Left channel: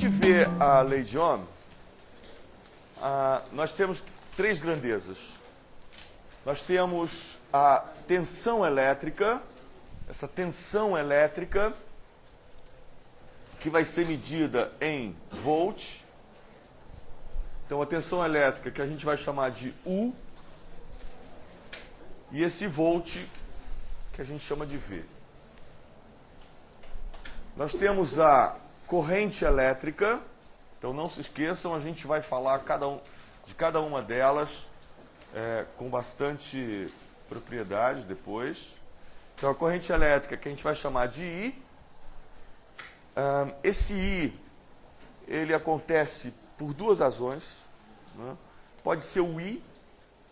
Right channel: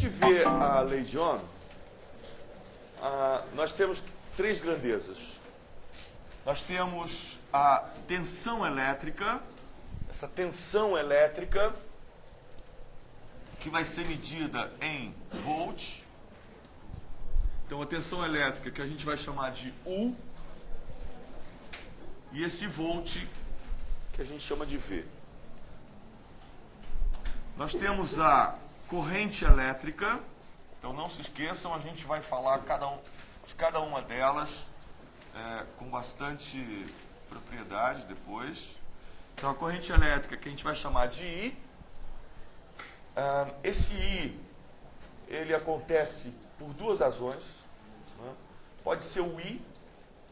gente vê a lei de Ohm, nós temos três grandezas. Nós temos a tensão elétrica, essa tensão elétrica que vai ser medida em volts. Então, a tensão elétrica que a gente vai chamar de U, e esse volt que a gente chama de V. Nós temos a corrente elétrica. Então, não se esqueçam, a gente vai falar de cada uma delas com bastante propriedade depois. Então, a corrente elétrica que a gente vai chamar de I. Esse I, ele acontece por duas razões. Né? Pode ser o I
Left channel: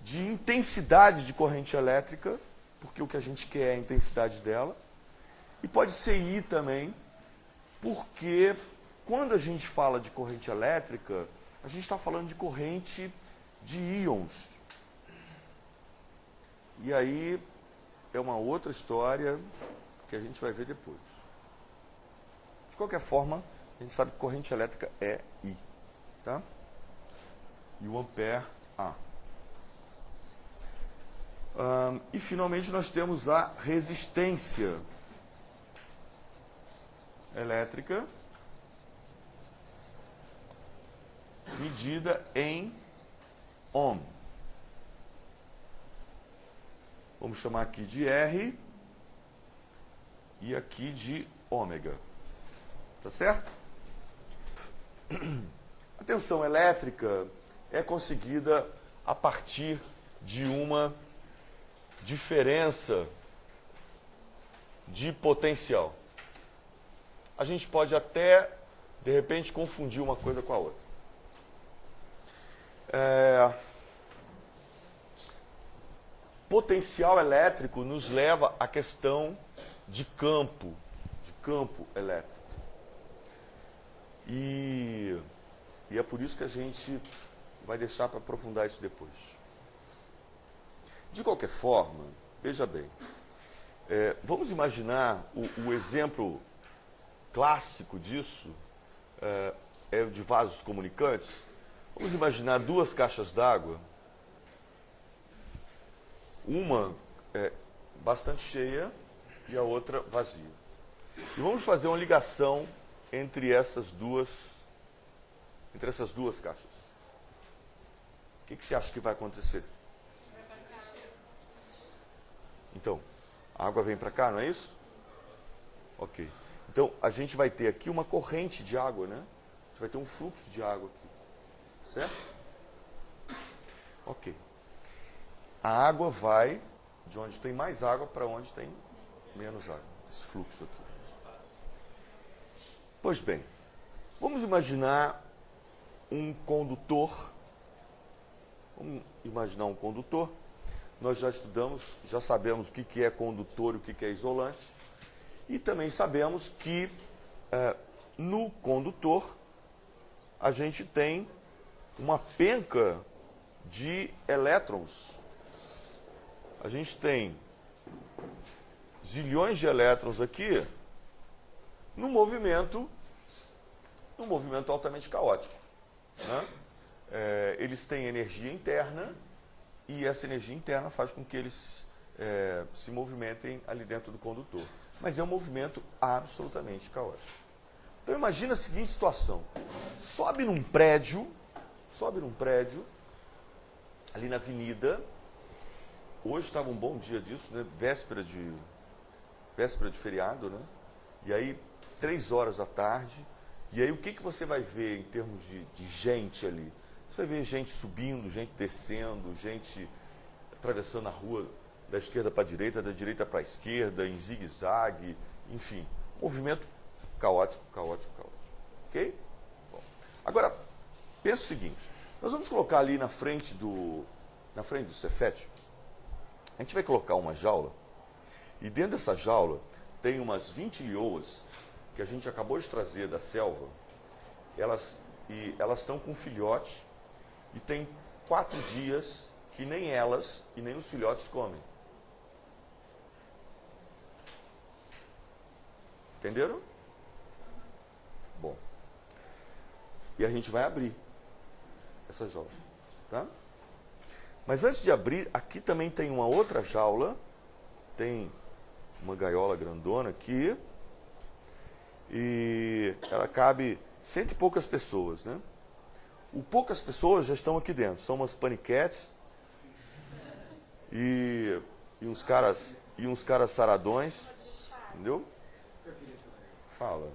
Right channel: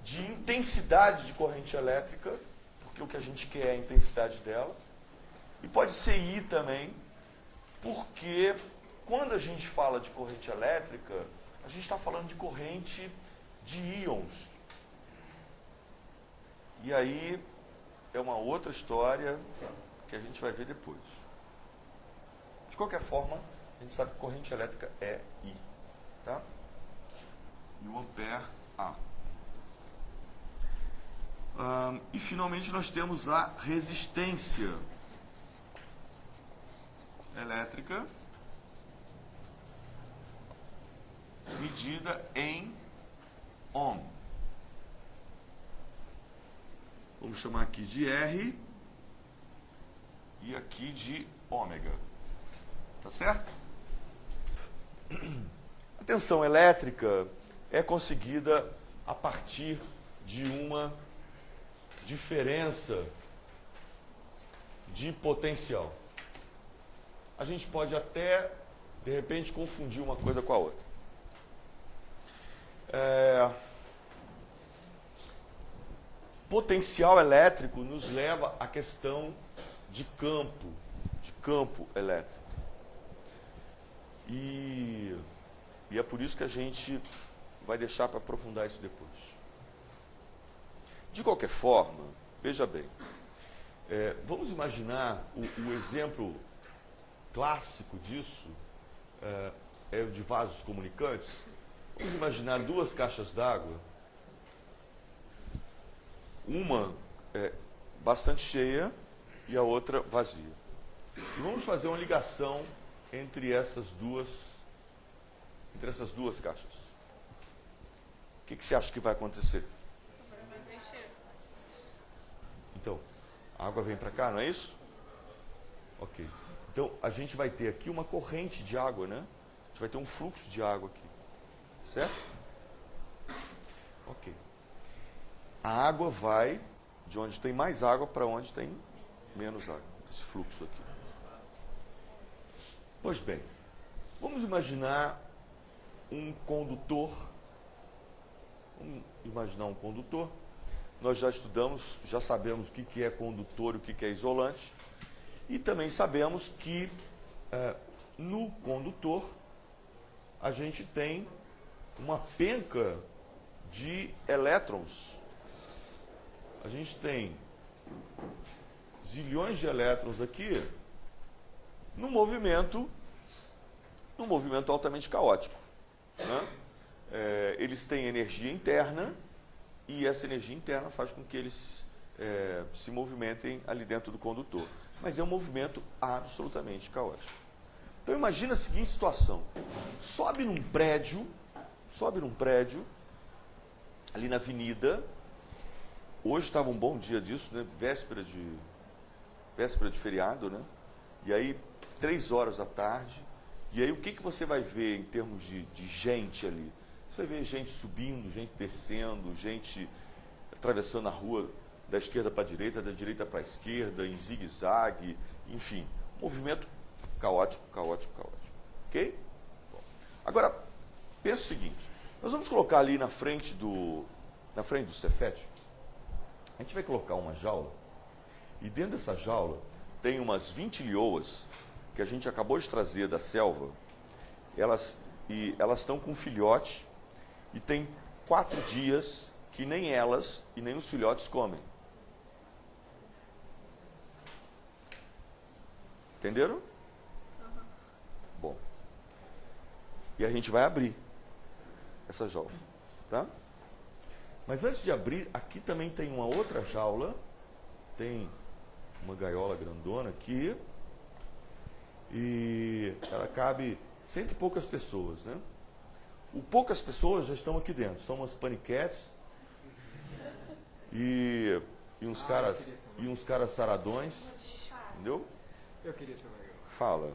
de intensidade de corrente elétrica, porque o que a gente quer é a intensidade dela. E pode ser I também, porque quando a gente fala de corrente elétrica, a gente está falando de corrente de íons. E aí é uma outra história que a gente vai ver depois. De qualquer forma, a gente sabe que corrente elétrica é I. Tá? E o ampere, A. E finalmente nós temos a resistência elétrica medida em ohm. Vamos chamar aqui de R e aqui de ômega. Tá certo? A tensão elétrica é conseguida a partir de uma diferença de potencial. A gente pode até, de repente, confundir uma coisa com a outra. Potencial elétrico nos leva à questão de campo elétrico. E é por isso que a gente vai deixar para aprofundar isso depois. De qualquer forma, veja bem, vamos imaginar o exemplo clássico disso, é o de vasos comunicantes. Vamos imaginar duas caixas d'água, uma bastante cheia e a outra vazia. E vamos fazer uma ligação entre essas duas caixas. O que você acha que vai acontecer? Então, a água vem para cá, não é isso? Ok. Então, a gente vai ter aqui uma corrente de água, né? A gente vai ter um fluxo de água aqui. Certo? Ok. A água vai de onde tem mais água para onde tem menos água. Esse fluxo aqui. Pois bem, vamos imaginar um condutor. Vamos imaginar um condutor. Nós já estudamos, já sabemos o que é condutor e o que é isolante. E também sabemos que no condutor a gente tem uma penca de elétrons. A gente tem zilhões de elétrons aqui num movimento altamente caótico. Né? Eles têm energia interna e essa energia interna faz com que eles se movimentem ali dentro do condutor. Mas é um movimento absolutamente caótico. Então imagina a seguinte situação. Sobe num prédio, ali na avenida. Hoje estava um bom dia disso, né? Véspera de feriado, né? E aí, 3 horas da tarde. E aí, o que você vai ver em termos de gente ali? Você vai ver gente subindo, gente descendo, gente atravessando a rua da esquerda para a direita, da direita para a esquerda, em zigue-zague, enfim. Movimento caótico. Ok? Bom, agora, pensa o seguinte. Nós vamos colocar ali na frente do Cefet, a gente vai colocar uma jaula, e dentro dessa jaula tem umas 20 lioas que a gente acabou de trazer da selva. Elas estão com um filhote e tem 4 dias que nem elas e nem os filhotes comem. Entenderam? Bom. E a gente vai abrir essa jaula, tá? Mas antes de abrir, aqui também tem uma outra jaula, tem uma gaiola grandona aqui, e ela cabe 100 e poucas pessoas, né? O poucas pessoas já estão aqui dentro, são umas paniquetes e uns caras saradões, entendeu? Eu queria saber. Fala.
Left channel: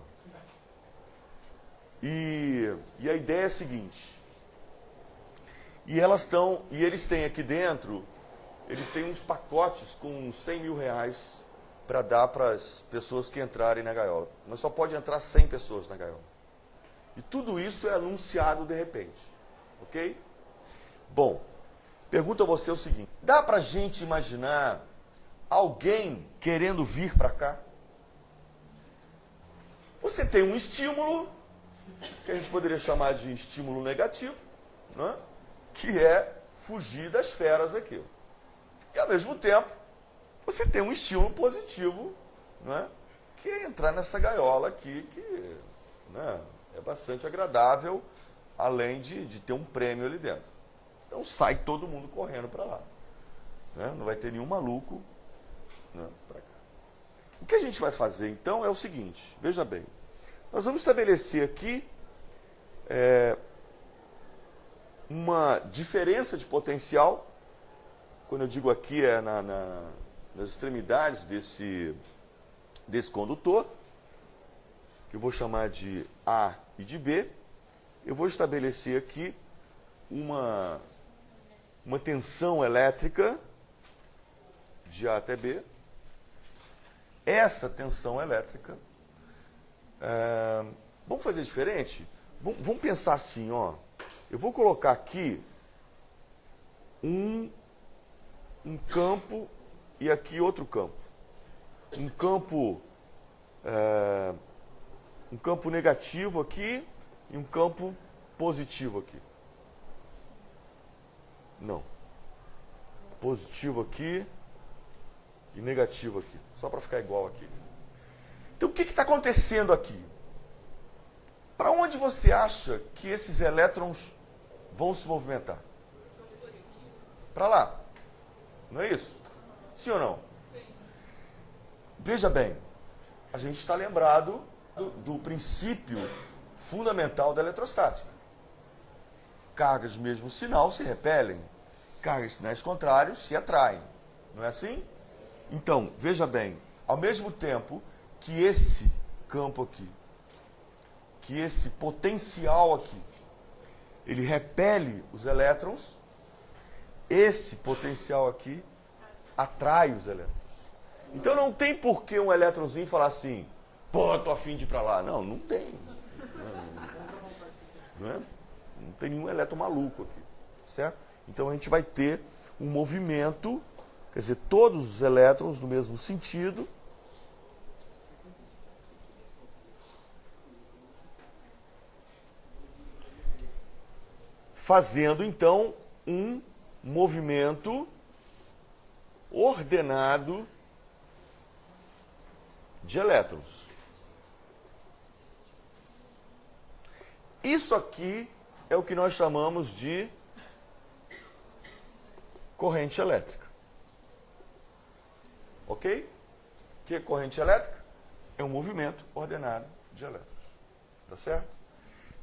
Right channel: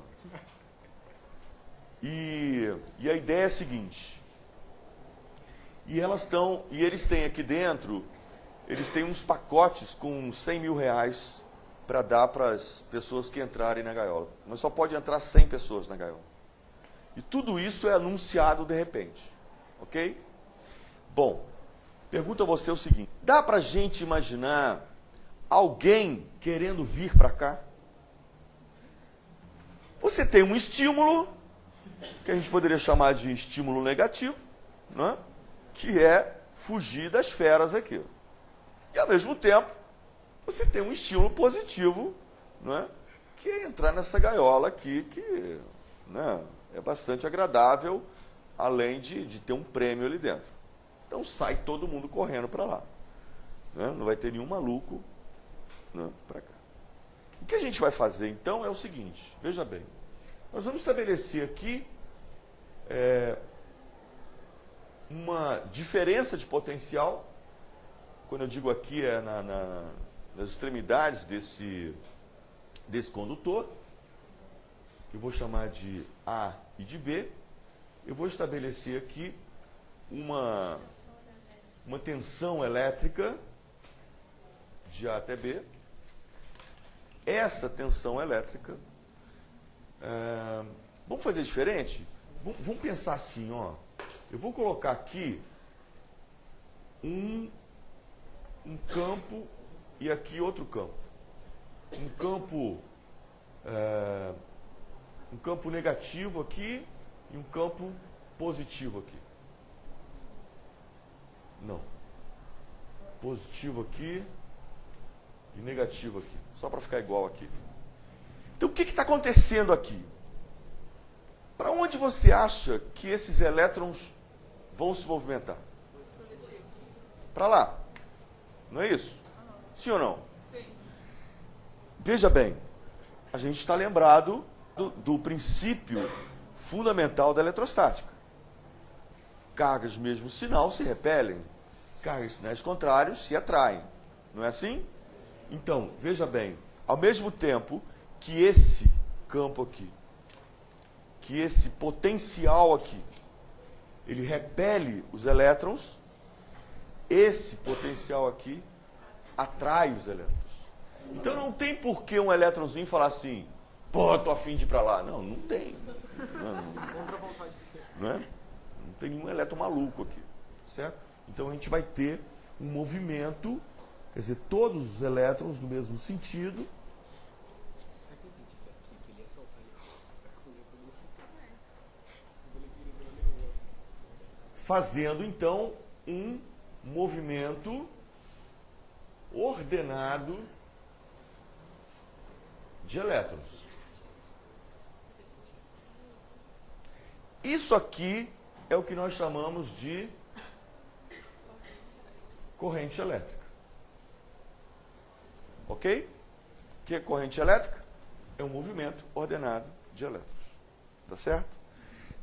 E a ideia é a seguinte, e eles têm aqui dentro, eles têm uns pacotes com 100 mil reais para dar para as pessoas que entrarem na gaiola. Mas só pode entrar 100 pessoas na gaiola. E tudo isso é anunciado de repente, ok? Bom, pergunto a você o seguinte, dá para a gente imaginar alguém querendo vir para cá? Você tem um estímulo, que a gente poderia chamar de estímulo negativo, né? Que é fugir das feras aqui. E ao mesmo tempo, você tem um estímulo positivo, né? Que é entrar nessa gaiola aqui, que, né, é bastante agradável, além de ter um prêmio ali dentro. Então sai todo mundo correndo para lá, né? Não vai ter nenhum maluco, né, para cá. O que a gente vai fazer então é o seguinte, veja bem, nós vamos estabelecer aqui uma diferença de potencial, quando eu digo aqui é nas extremidades desse condutor, que eu vou chamar de A e de B. Eu vou estabelecer aqui uma tensão elétrica de A até B. Essa tensão elétrica, vamos fazer diferente? Vamos pensar assim, ó. Eu vou colocar aqui um campo e aqui outro campo. Um campo negativo aqui e um campo positivo aqui. Não. Positivo aqui e negativo aqui. Só para ficar igual aqui. Então, o que está acontecendo aqui? Para onde você acha que esses elétrons vão se movimentar? Para lá. Não é isso? Sim ou não? Sim. Veja bem, a gente está lembrado do princípio fundamental da eletrostática. Cargas de mesmo sinal se repelem, cargas de sinais contrários se atraem. Não é assim? Então, veja bem, ao mesmo tempo que esse campo aqui, que esse potencial aqui, ele repele os elétrons, esse potencial aqui atrai os elétrons. Então não tem por que um elétronzinho falar assim, pô, tô a fim de ir para lá. Não, não tem. Não tem nenhum elétron maluco aqui, certo? Então a gente vai ter um movimento, quer dizer, todos os elétrons no mesmo sentido, fazendo então um movimento ordenado de elétrons. Isso aqui é o que nós chamamos de corrente elétrica. Ok? O que é corrente elétrica? É um movimento ordenado de elétrons. Tá certo?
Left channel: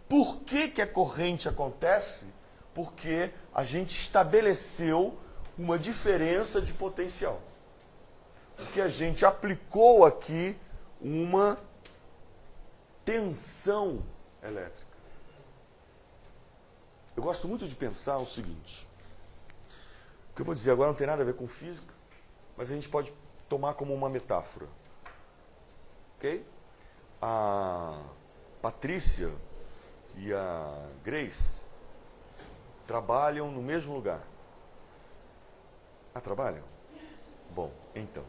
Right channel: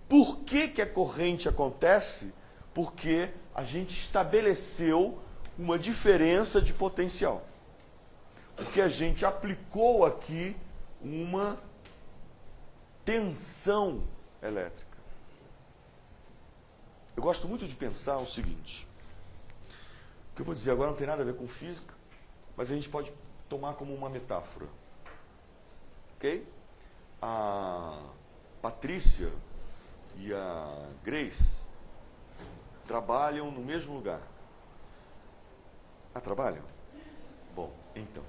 Por que a corrente acontece? Porque a gente estabeleceu uma diferença de potencial. Porque a gente aplicou aqui uma tensão elétrica. Eu gosto muito de pensar o seguinte. O que eu vou dizer agora não tem nada a ver com física, mas a gente pode tomar como uma metáfora. Ok? A Patrícia e a Grace trabalham no mesmo lugar. Ah, trabalham? Bom, então.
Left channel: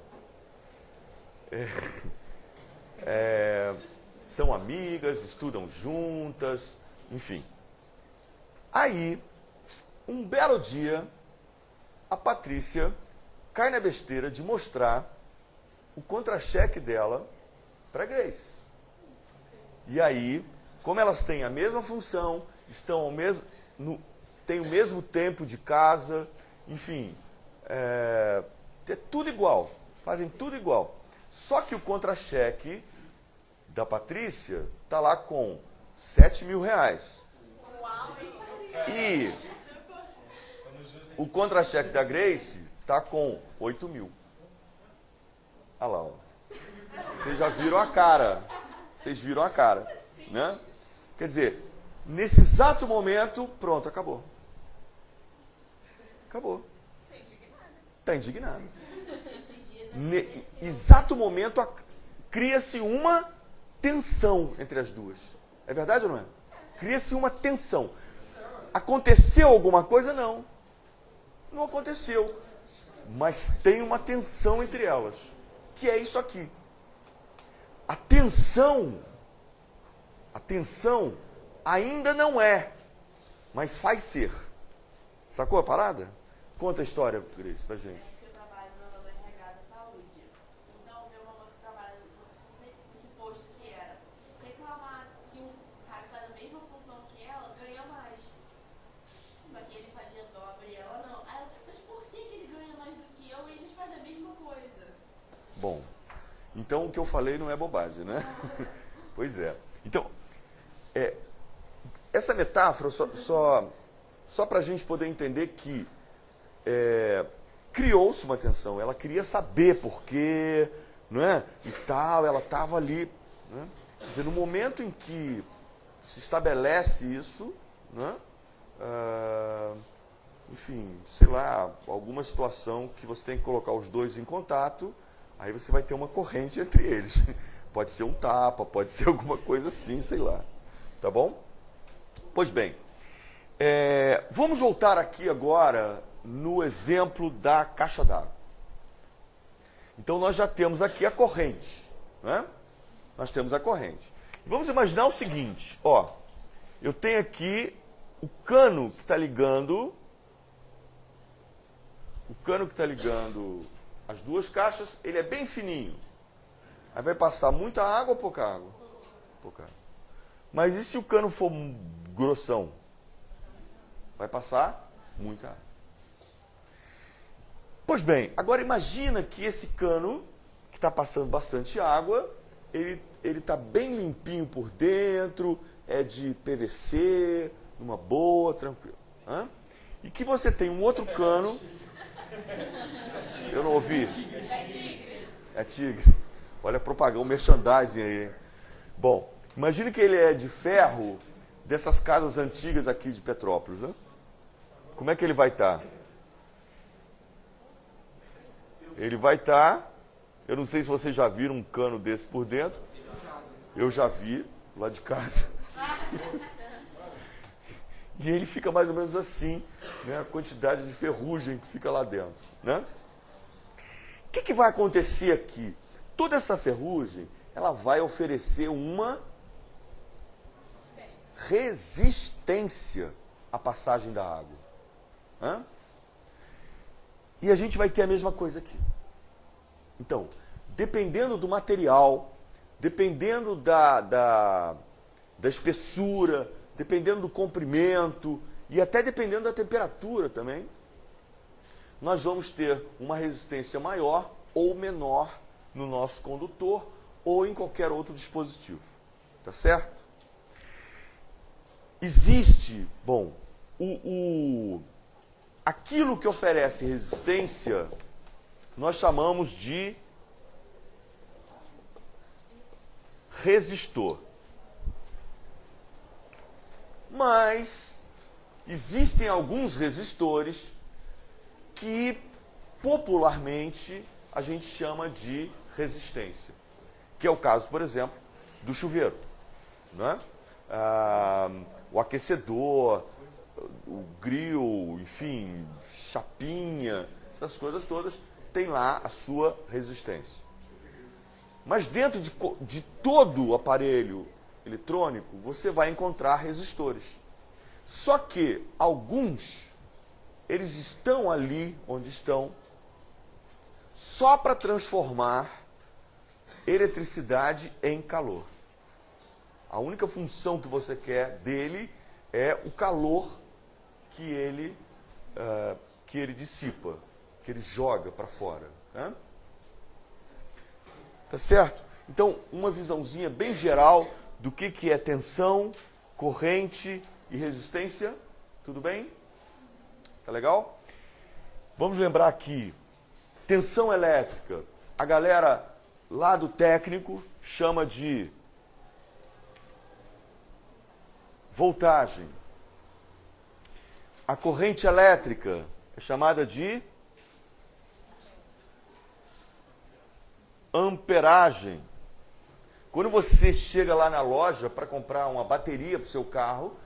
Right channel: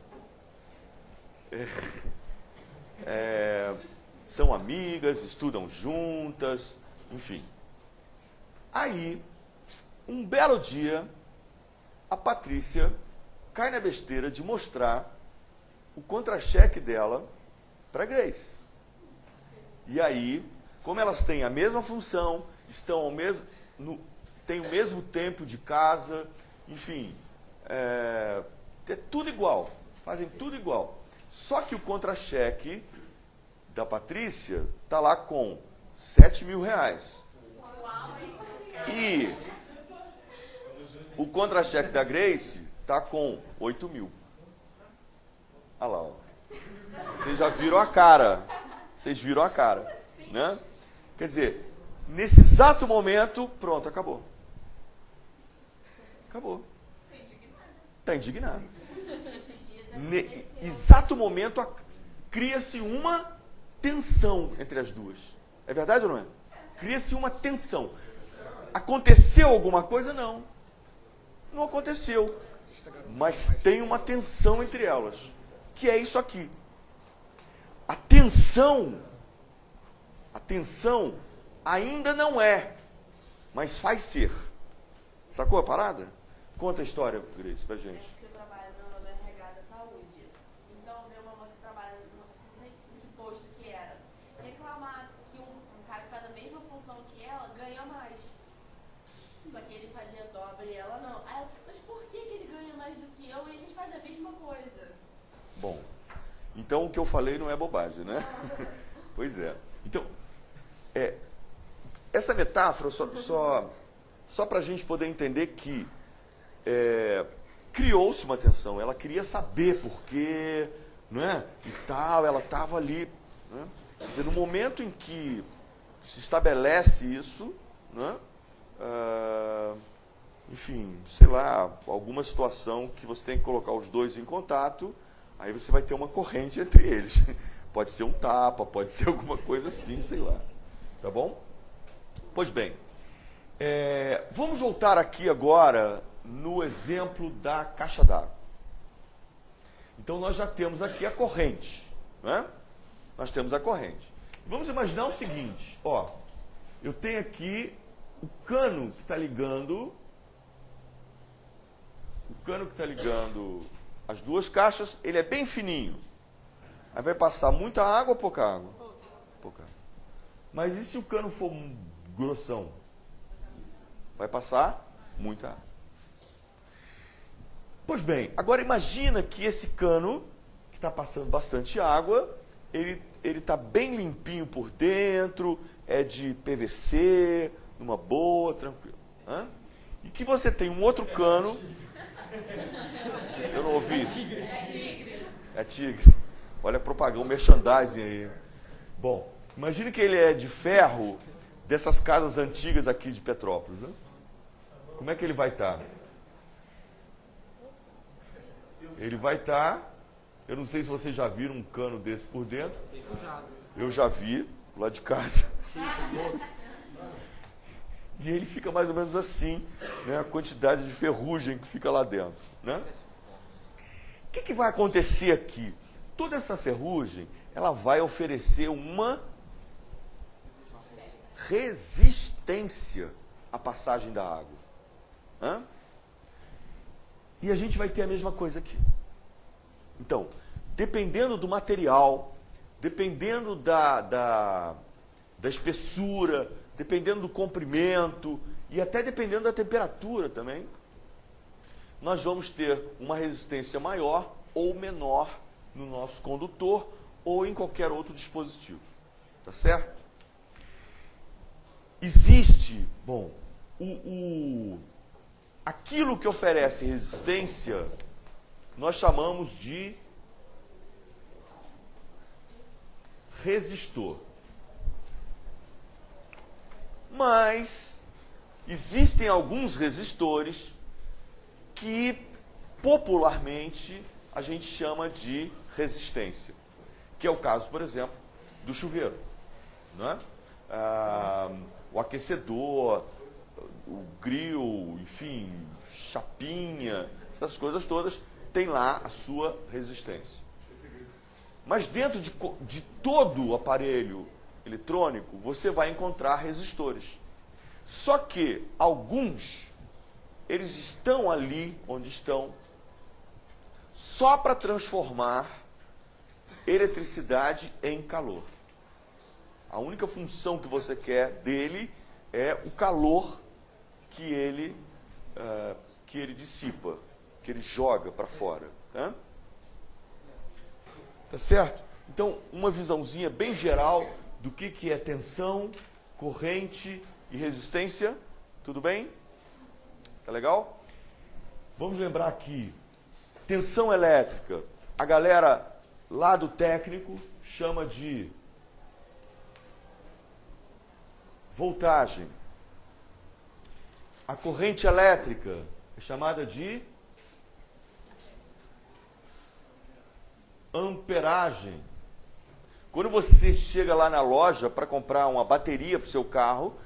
São amigas, estudam juntas, enfim. Aí, um belo dia, a Patrícia cai na besteira de mostrar o contra-cheque dela para a Grace. E aí, como elas têm a mesma função, estão ao mesmo, têm o mesmo tempo de casa, enfim, é tudo igual, fazem tudo igual. Só que o contra-cheque da Patrícia está lá com R$7.000. E o contra-cheque da Grace está com 8.000. Olha lá, ó. Vocês já viram a cara. Vocês viram a cara, né? Quer dizer, nesse exato momento, pronto, acabou. Acabou. Está indignada. Exato momento, cria-se uma tensão entre as duas. É verdade ou não é? Cria-se uma tensão. Aconteceu alguma coisa? Não. Não aconteceu. Mas tem uma tensão entre elas. Que é isso aqui. A tensão ainda não é, mas faz ser. Sacou a parada? Conta a história, Grace, pra gente. Eu trabalho no RH da saúde. Então, veio uma moça que trabalha, não sei em que posto que era, reclamar que um cara que faz a mesma função que ela ganha mais. Só que ele fazia dobra e ela não. Aí ela, mas por que ele ganha mais do que eu e a gente faz a mesma coisa? Bom, então o que eu falei não é bobagem, né? Pois é. Então, essa metáfora só para a gente poder entender que criou-se uma tensão. Ela queria saber por quê, não é? E tal, ela estava ali. Né? Quer dizer, no momento em que se estabelece isso, né? Enfim, sei lá, alguma situação que você tem que colocar os dois em contato, aí você vai ter uma corrente entre eles. Pode ser um tapa, pode ser alguma coisa assim, sei lá. Tá bom? Pois bem, vamos voltar aqui agora no exemplo da caixa d'água. Então, nós já temos aqui a corrente. Né? Nós temos a corrente. Vamos imaginar o seguinte, ó. Eu tenho aqui o cano que está ligando... O cano que está ligando as duas caixas, ele é bem fininho. Aí vai passar muita água ou pouca água? Pouca água. Mas e se o cano for grossão? Vai passar muita água. Pois bem, agora imagina que esse cano, que está passando bastante água, ele está bem limpinho por dentro, é de PVC, numa boa, tranquilo. Hã? E que você tem um outro cano... Eu não ouvi. É tigre. Olha a propaganda, merchandising aí. Bom, imagine que ele é de ferro dessas casas antigas aqui de Petrópolis, né? Como é que ele vai estar? Ele vai estar... Eu não sei se vocês já viram um cano desse por dentro. Eu já vi, lá de casa. E ele fica mais ou menos assim, né? A quantidade de ferrugem que fica lá dentro, né? O que vai acontecer aqui? Toda essa ferrugem, ela vai oferecer uma resistência à passagem da água. Hã? E a gente vai ter a mesma coisa aqui. Então, dependendo do material, dependendo da espessura, dependendo do comprimento e até dependendo da temperatura também, nós vamos ter uma resistência maior ou menor no nosso condutor ou em qualquer outro dispositivo. Tá certo? Existe, bom, aquilo que oferece resistência, nós chamamos de resistor. Mas existem alguns resistores que popularmente a gente chama de resistência, que é o caso, por exemplo, do chuveiro, né? O aquecedor, o grill, enfim, chapinha, essas coisas todas, tem lá a sua resistência. Mas dentro de todo o aparelho eletrônico, você vai encontrar resistores. Só que alguns, eles estão ali onde estão, só para transformar eletricidade em calor. A única função que você quer dele é o calor que ele dissipa, que ele joga para fora. Tá certo? Então, uma visãozinha bem geral do que é tensão, corrente e resistência. Tudo bem? Tá legal? Vamos lembrar aqui, tensão elétrica. A galera lá do técnico chama de voltagem. A corrente elétrica é chamada de amperagem. Quando você chega lá na loja para comprar uma bateria para o seu carro,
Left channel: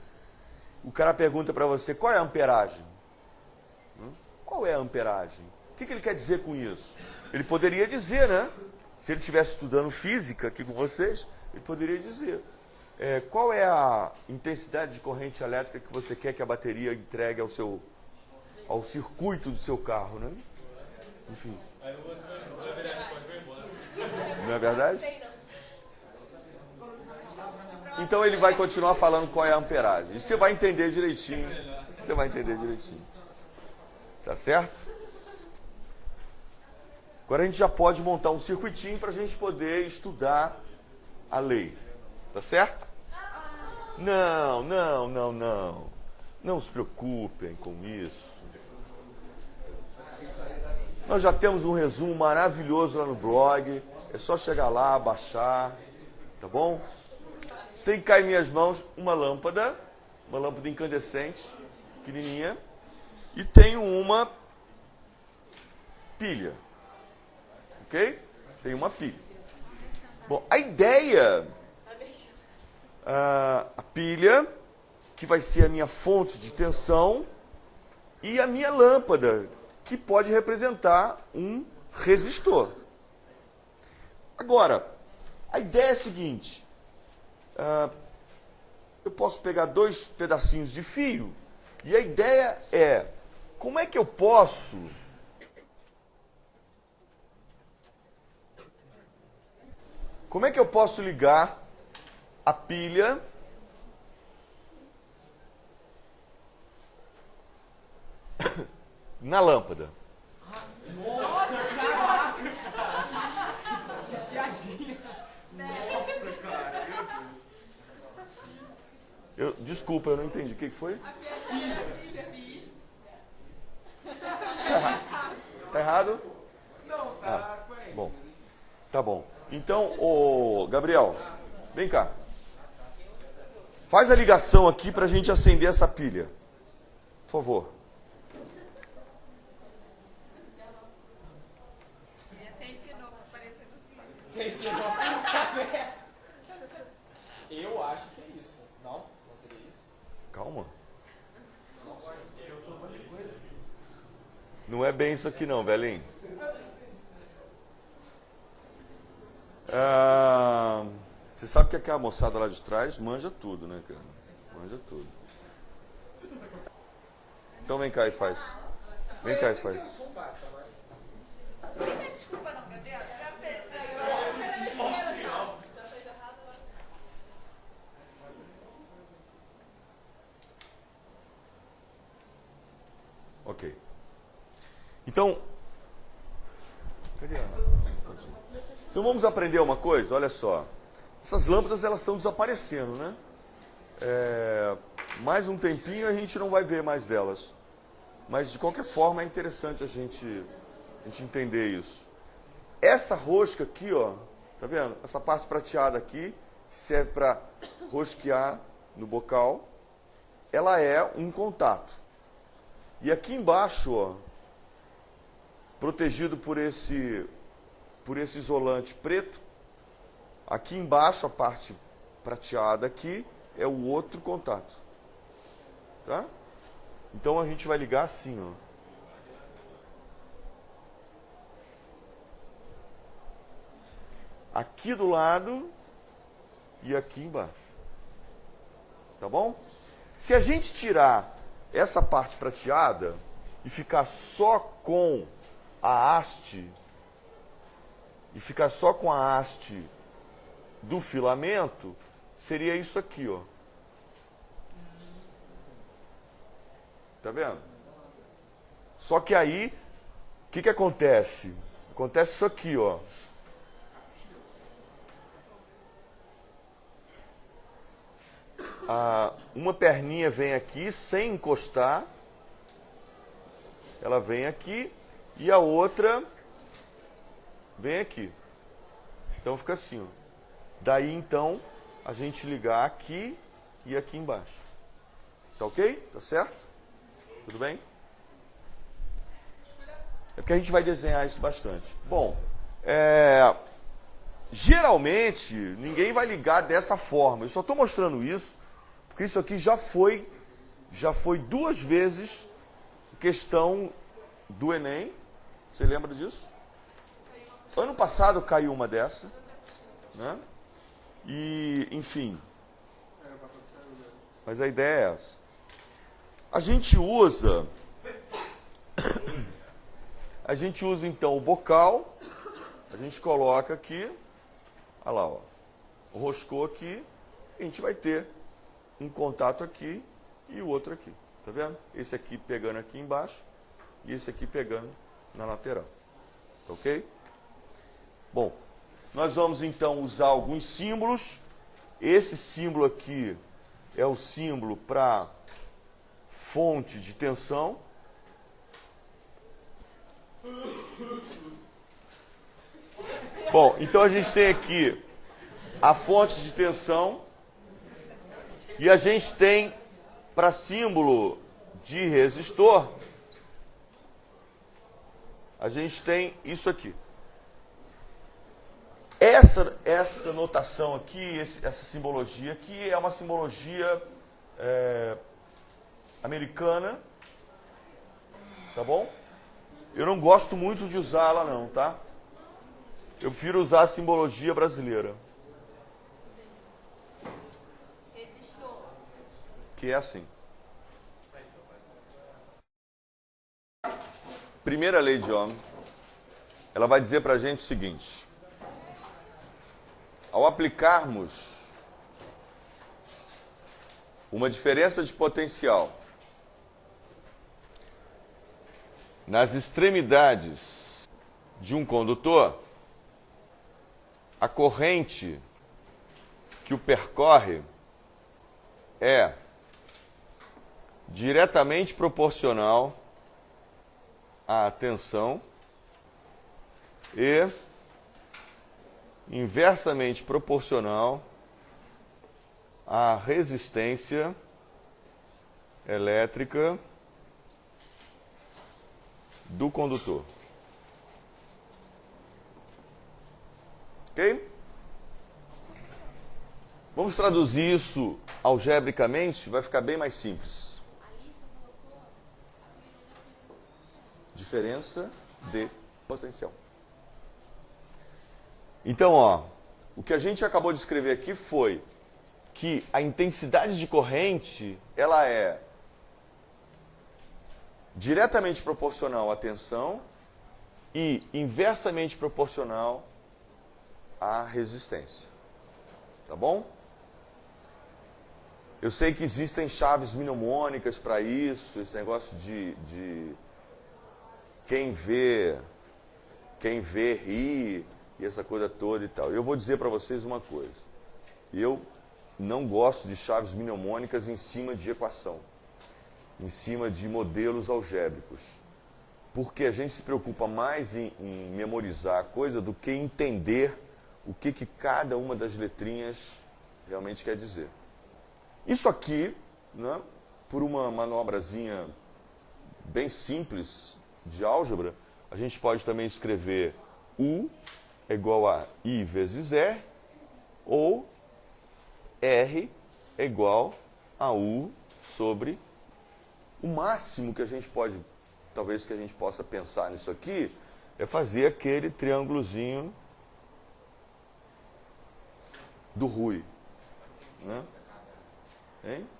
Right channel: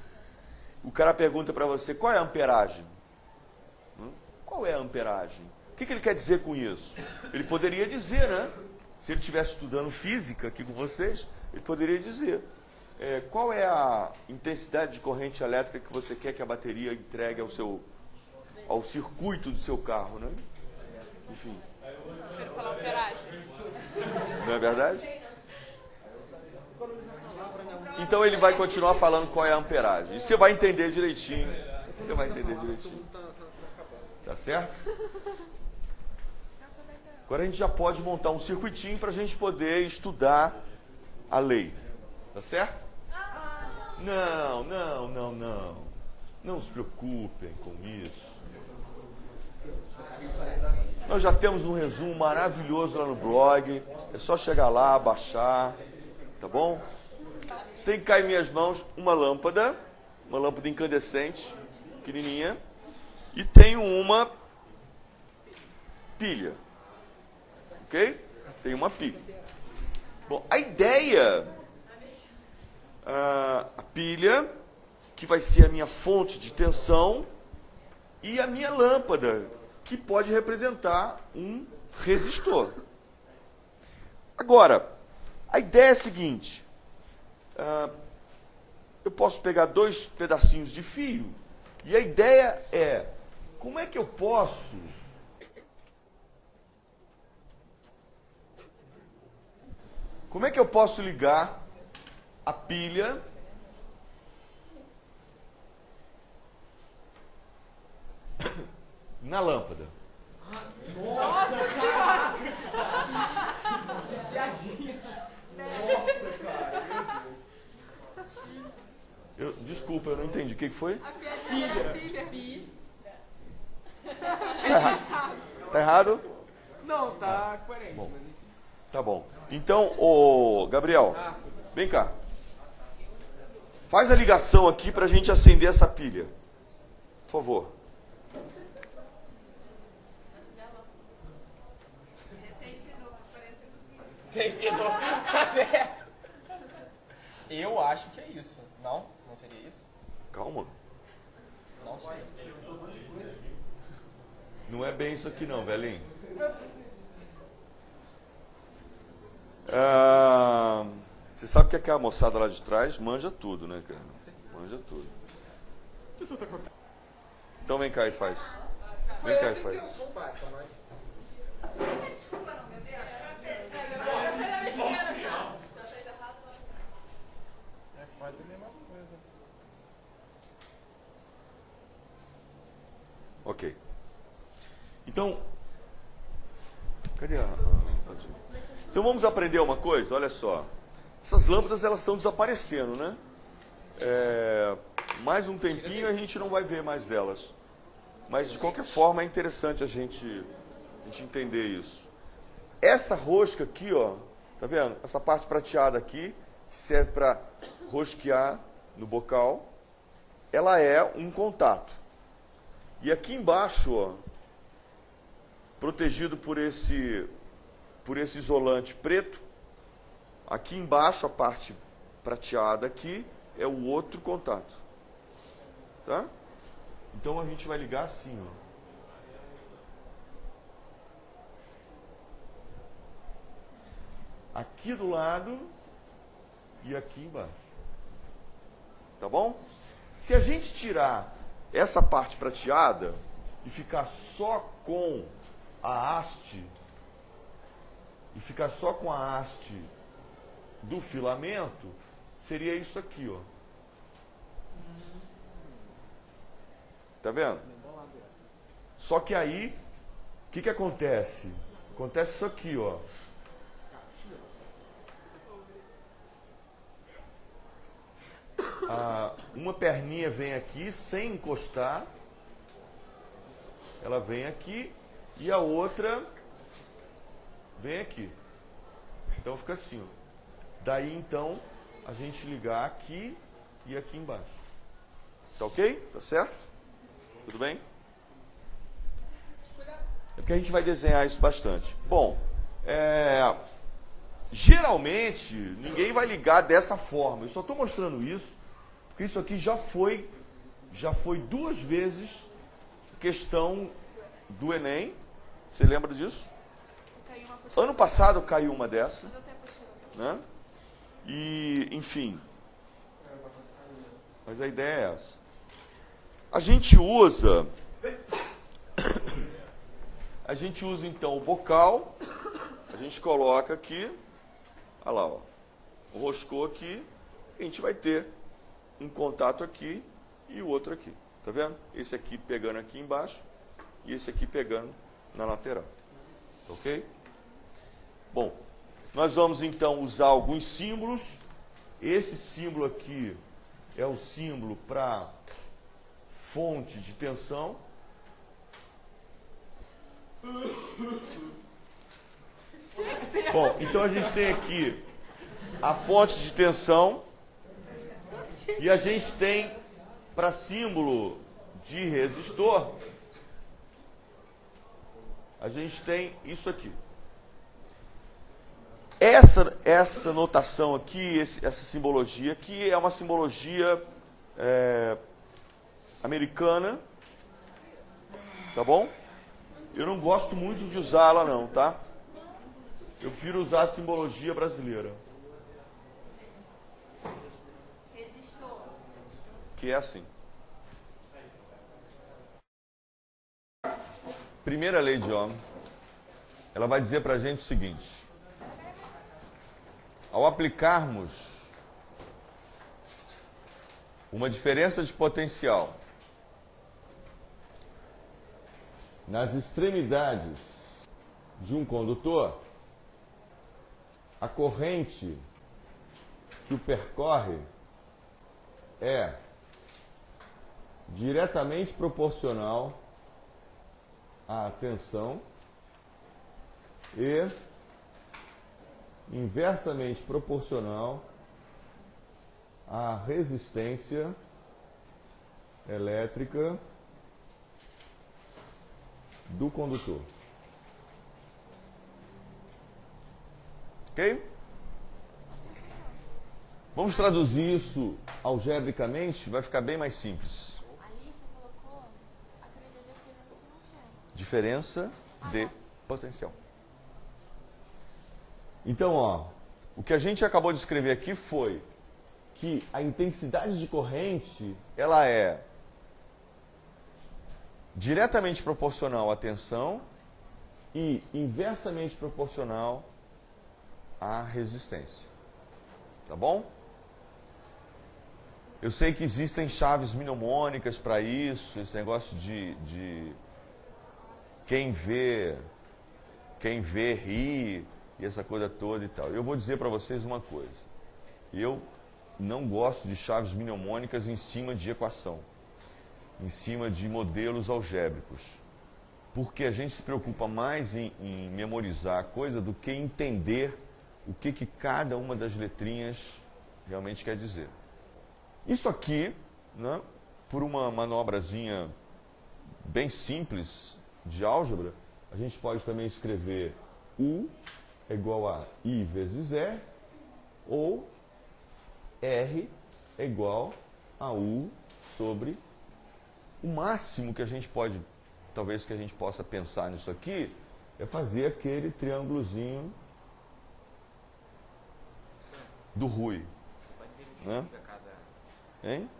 o cara pergunta para você, qual é a amperagem? Qual é a amperagem? O que ele quer dizer com isso? Ele poderia dizer, né? Se ele estivesse estudando física aqui com vocês, ele poderia dizer. Qual é a intensidade de corrente elétrica que você quer que a bateria entregue ao circuito do seu carro, né? Enfim. Não é verdade? Então ele vai continuar falando qual é a amperagem. E você vai entender direitinho. Você vai entender direitinho. Tá certo? Agora a gente já pode montar um circuitinho para a gente poder estudar a lei. Tá certo? Não. Não se preocupem com isso. Nós já temos um resumo maravilhoso lá no blog. É só chegar lá, baixar. Tá bom? Tem que cair em minhas mãos uma lâmpada incandescente, pequenininha. E tenho uma pilha. Ok? Tem uma pilha. Bom, a ideia... a pilha, que vai ser a minha fonte de tensão, e a minha lâmpada, que pode representar um resistor. Agora, a ideia é a seguinte. Eu posso pegar 2 pedacinhos de fio, e a ideia é, como é que eu posso ligar a pilha na lâmpada? Nossa, cara! Nossa, cara! Desculpa, eu não entendi. O que foi? A piadinha da pilha. Tá errado? Não, tá coerente. Bom, tá bom. Então, Gabriel, vem cá. Faz a ligação aqui para a gente acender essa pilha. Por favor. Tem que Eu acho que é isso. Não? Não seria isso? Calma. Não sei. Não é bem isso aqui não, velhinho. Você sabe que aquela moçada lá de trás manja tudo, né, cara? Manja tudo. Então vem cá e faz. Vem cá e faz. Desculpa não, Gabriel. Ok. Então, cadê Então vamos aprender uma coisa, olha só. Essas lâmpadas, elas estão desaparecendo, né? Mais um tempinho a gente não vai ver mais delas. Mas de qualquer forma é interessante a gente entender isso. Essa rosca aqui, ó, tá vendo? Essa parte prateada aqui, que serve para rosquear no bocal, ela é um contato. E aqui embaixo, ó, protegido por esse isolante preto, aqui embaixo, a parte prateada aqui, é o outro contato. Tá? Então a gente vai ligar assim, ó. Aqui do lado e aqui embaixo. Tá bom? Se a gente tirar essa parte prateada e ficar só com a haste, do filamento, seria isso aqui, ó. Tá vendo? Só que aí, o que acontece? Acontece isso aqui, ó. Uma perninha vem aqui sem encostar, ela vem aqui, e a outra vem aqui. Então fica assim, ó. Daí então a gente ligar aqui e aqui embaixo. Tá ok? Tá certo? Tudo bem? É porque a gente vai desenhar isso bastante. Bom, geralmente ninguém vai ligar dessa forma. Eu só estou mostrando isso porque isso aqui já foi 2 vezes questão do Enem. Você lembra disso? Ano passado caiu uma dessa, né? E, enfim. Mas a ideia é essa. A gente usa então o bocal, a gente coloca aqui, olha lá, ó, roscou aqui, e a gente vai ter um contato aqui e o outro aqui, tá vendo? Esse aqui pegando aqui embaixo e esse aqui pegando na lateral, ok? Bom, nós vamos então usar alguns símbolos. Esse símbolo aqui é o símbolo para fonte de tensão. Bom, então a gente tem aqui a fonte de tensão e a gente tem para símbolo de resistor, a gente tem isso aqui. Essa notação aqui, essa simbologia aqui é uma simbologia americana, tá bom? Eu não gosto muito de usá-la não, tá? Eu prefiro usar a simbologia brasileira. Resistor. Que é assim. Primeira lei de Ohm, ela vai dizer para a gente o seguinte: ao aplicarmos uma diferença de potencial nas extremidades de um condutor, a corrente que o percorre é diretamente proporcional à tensão e inversamente proporcional à resistência elétrica do condutor. Ok? Vamos traduzir isso algebricamente, vai ficar bem mais simples. Ali você colocou a Diferença de potencial. Então, ó, o que a gente acabou de escrever aqui foi que a intensidade de corrente, ela é diretamente proporcional à tensão e inversamente proporcional à resistência. Tá bom? Eu sei que existem chaves mnemônicas para isso, esse negócio de quem vê ri, e essa coisa toda e tal. Eu vou dizer para vocês uma coisa. Eu não gosto de chaves mnemônicas em cima de equação, em cima de modelos algébricos. Porque a gente se preocupa mais em memorizar a coisa do que entender o que cada uma das letrinhas realmente quer dizer. Isso aqui, né, por uma manobrazinha bem simples de álgebra, a gente pode também escrever U é igual a I vezes R, ou R é igual a U sobre o máximo que a gente pode, talvez que a gente possa pensar nisso aqui, é fazer aquele triângulozinho do Rui. Né? Hein?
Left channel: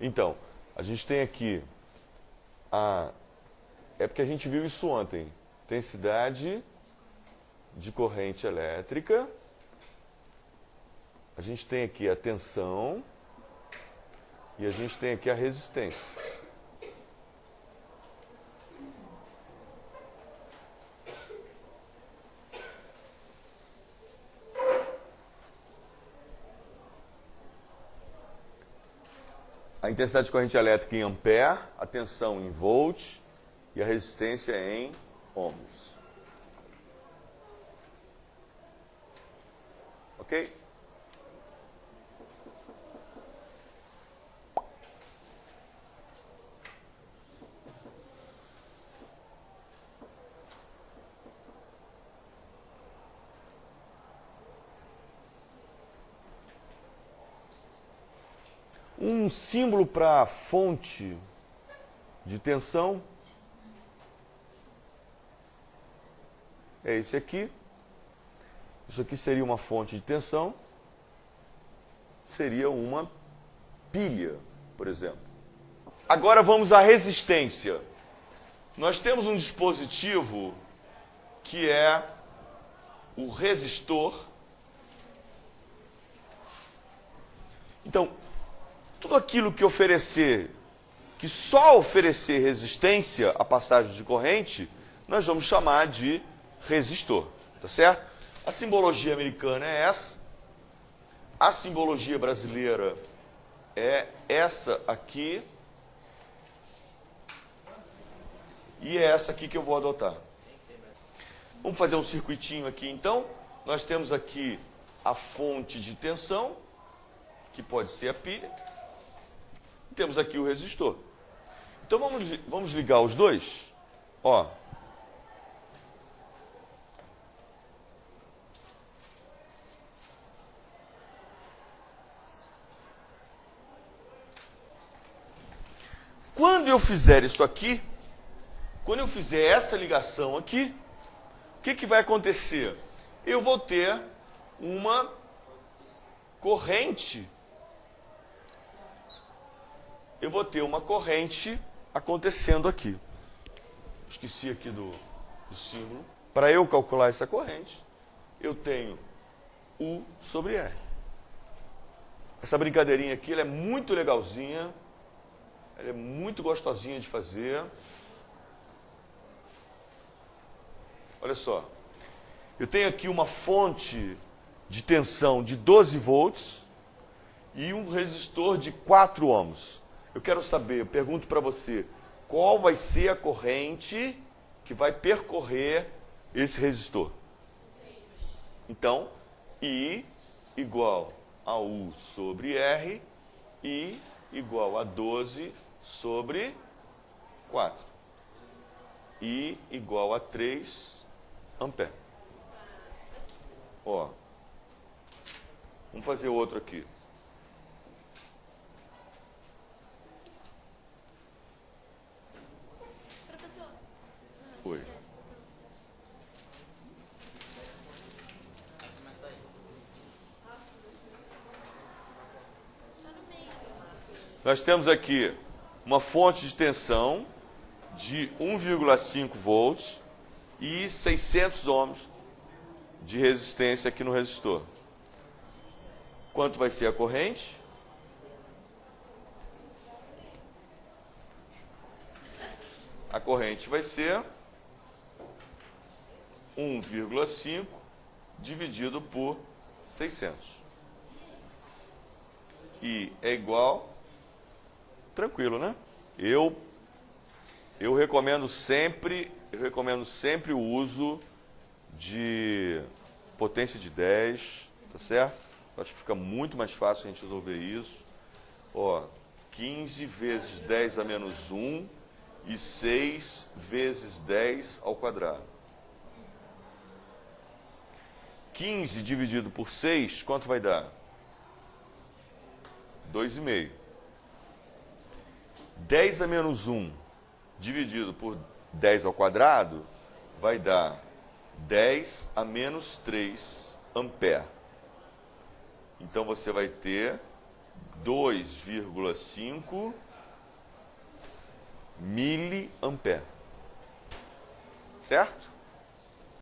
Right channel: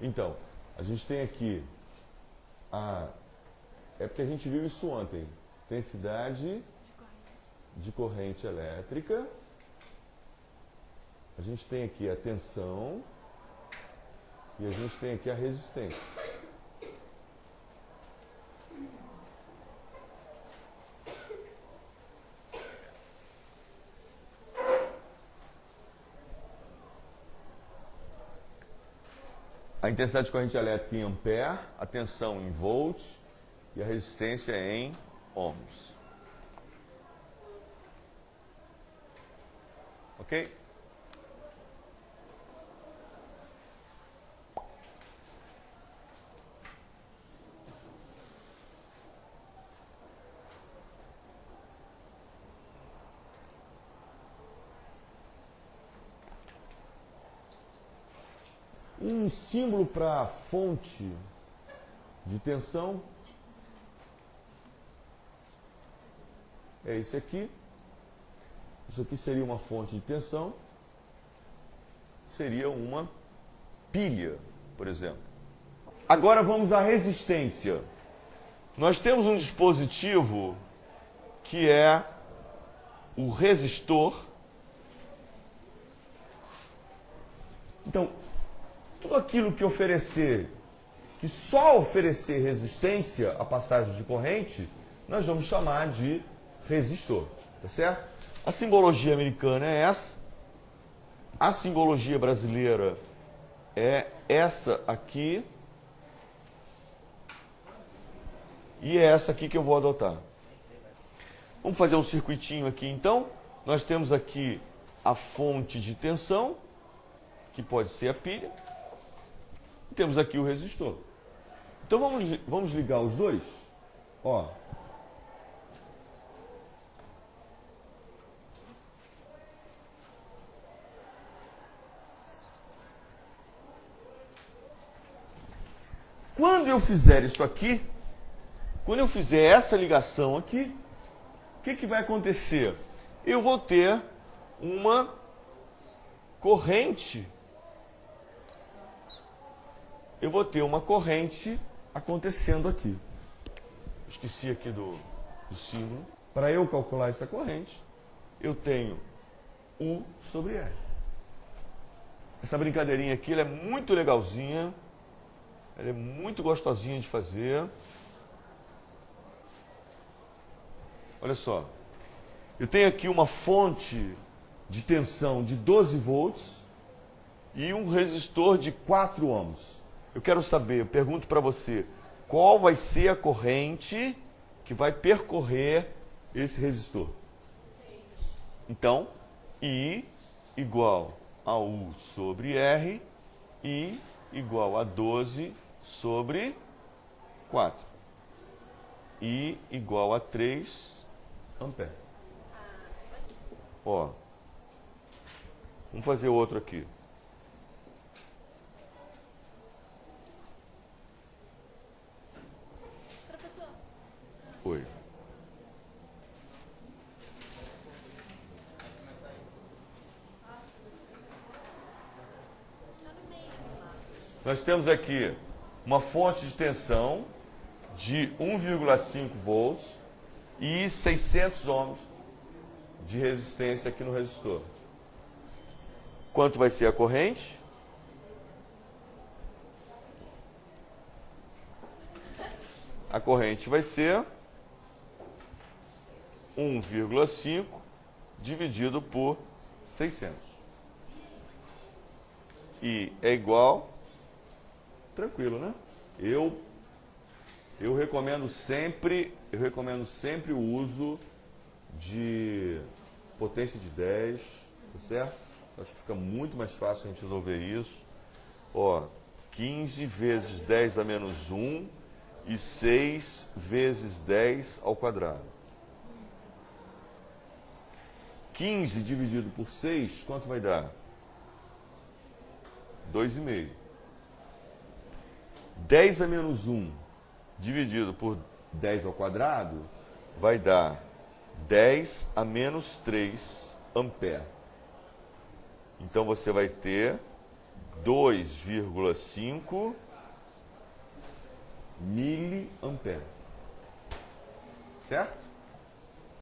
Então, a gente tem aqui é porque a gente viu isso ontem. Intensidade de corrente elétrica. A gente tem aqui a tensão e a gente tem aqui a resistência. A intensidade de corrente elétrica em ampere, a tensão em volt e a resistência em ohms. Ok? Um símbolo para fonte de tensão é esse aqui. Isso aqui seria uma fonte de tensão. Seria uma pilha, por exemplo. Agora vamos à resistência. Nós temos um dispositivo que é o resistor. Então, tudo aquilo que oferecer, que só oferecer resistência à passagem de corrente, nós vamos chamar de resistor, tá certo? A simbologia americana é essa. A simbologia brasileira é essa aqui. E é essa aqui que eu vou adotar. Vamos fazer um circuitinho aqui, então. Nós temos aqui a fonte de tensão, que pode ser a pilha. E temos aqui o resistor. Então vamos ligar os dois. Ó. Quando eu fizer isso aqui, quando eu fizer essa ligação aqui, o que vai acontecer? Eu vou ter uma corrente. Eu vou ter uma corrente acontecendo aqui. Esqueci aqui do símbolo. Para eu calcular essa corrente, eu tenho U sobre R. Essa brincadeirinha aqui ela é muito legalzinha. Ela é muito gostosinha de fazer. Olha só. Eu tenho aqui uma fonte de tensão de 12 volts e um resistor de 4 ohms. Eu quero saber, eu pergunto para você, qual vai ser a corrente que vai percorrer esse resistor? Então, I igual a U sobre R, I igual a 12 sobre 4. I igual a 3 ampere. Ó, vamos fazer outro aqui. Oi. Nós temos aqui uma fonte de tensão de 1,5 volts e 600 ohms de resistência aqui no resistor. Quanto vai ser a corrente? A corrente vai ser 1,5 dividido por 600. E é igual, tranquilo, né? Eu recomendo sempre o uso de potência de 10, tá certo? Acho que fica muito mais fácil a gente resolver isso. Ó, 15 vezes 10 a menos 1 e 6 vezes 10 ao quadrado. 15 dividido por 6, quanto vai dar? 2,5. 10 a menos 1 dividido por 10 ao quadrado vai dar 10 a menos 3 ampere. Então você vai ter 2,5 miliampere. Certo?